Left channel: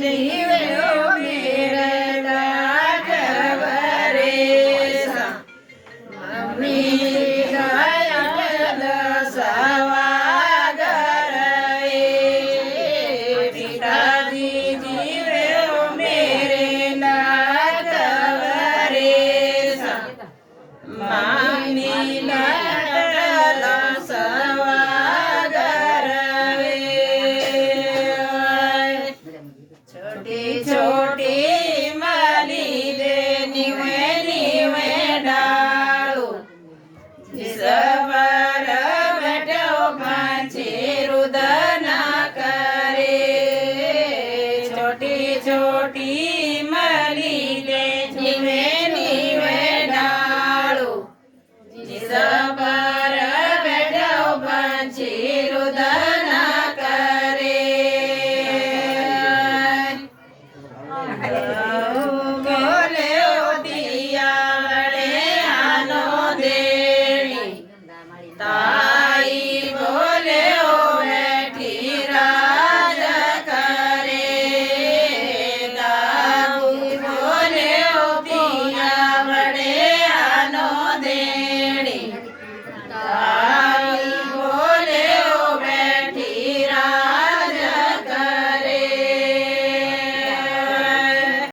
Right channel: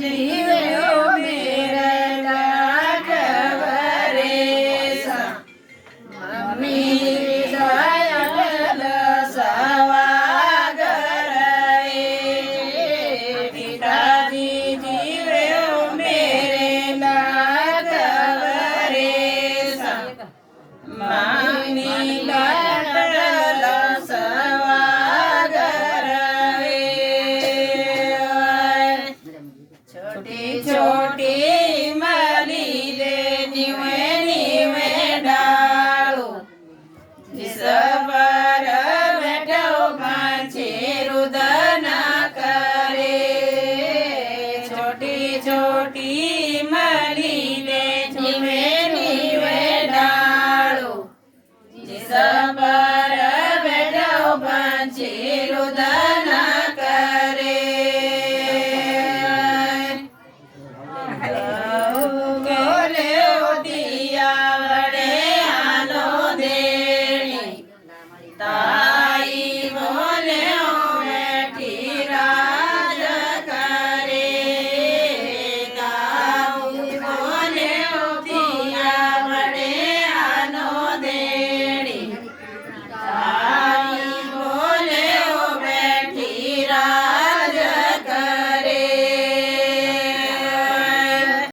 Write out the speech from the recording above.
जीवे ओ मेरे लाडव रे सा मम्मी दयाल सवागर रे पिताजी जीवे ओ मेरे लाडव रे सा मानी लाडल सवागर रे छोटी छोटी माली दे निवे निवे डाळू जिसवर बैठो पाछे रुदन करे छोटी छोटी